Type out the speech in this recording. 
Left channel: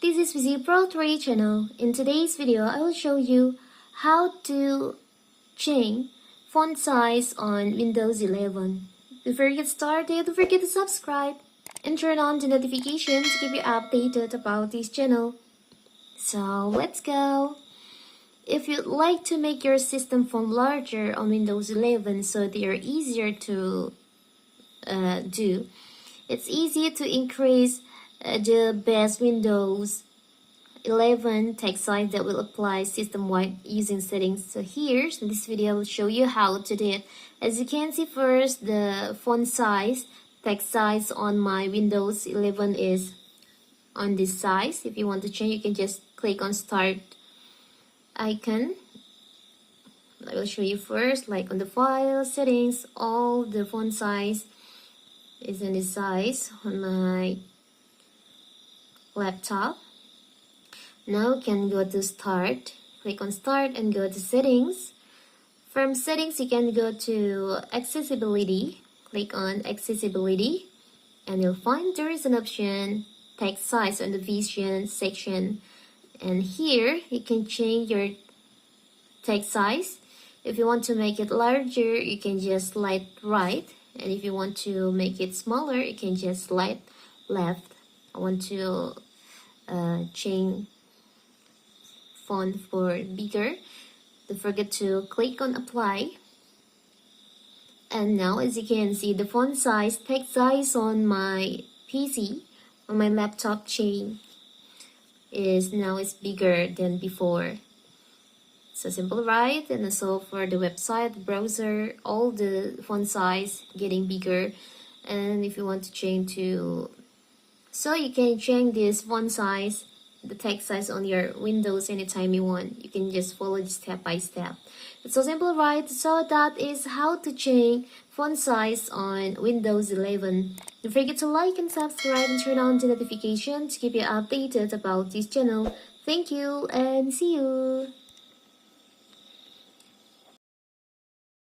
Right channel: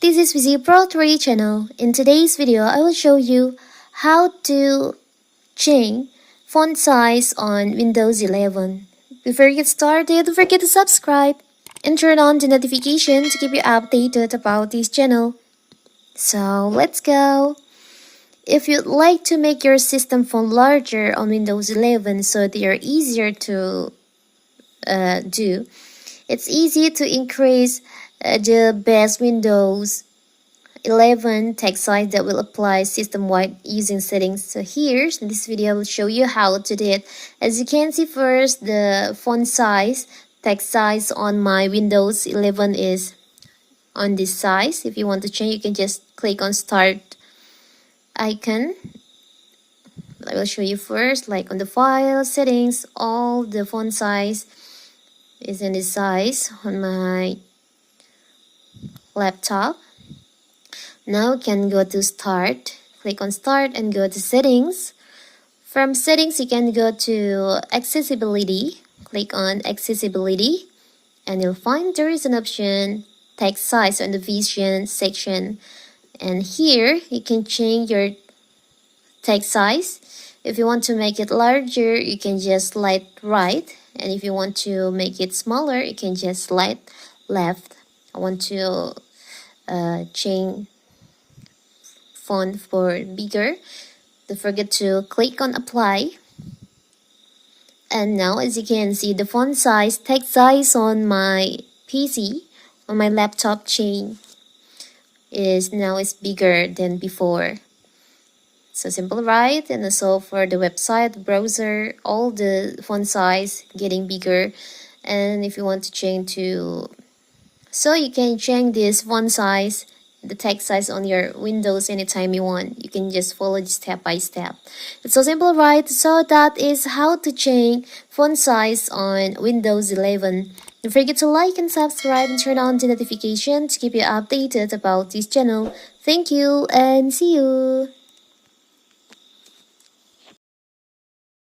This is Visi Pro 3 channel. In today's video, I will show you how to change font size on Windows 11. Before you get started, don't forget to subscribe and turn on the notification to keep you updated about this channel. So let's go. If you'd like to make your system font larger on Windows 11 so they are easier to do, it's easy to increase the base Windows 11 text size that will apply system-wide using settings. So here in this video I will show you how to do it. As you can see, first the font size, text size on my Windows 11 is on this size. If you want to change, you can just click on start icon. I will show you first, like on the file settings, all the font size is in this size on my laptop. Now you can go to start, click on start and go to settings. From settings you can go to accessibility, click on accessibility and you'll find there is an option text size on the vision section, and here you can change your text size. If you want to make it larger, you can just slide right, and if you want to make it smaller, you can just slide left. I want to change font for bigger. Don't forget to click on apply. And now as you can see, the font size, text size on my PC, on my laptop change is bigger than before. So simple, right? And also for the website, browser, all the font size getting bigger. And if you want to change to, so you can change this font size, the text size on your Windows anytime you want. You can just follow it step by step. It's so simple, right? So that is how to change font size on Windows 11. Don't forget to like and subscribe and turn on the notification to keep you updated about this channel. Thank you and see you.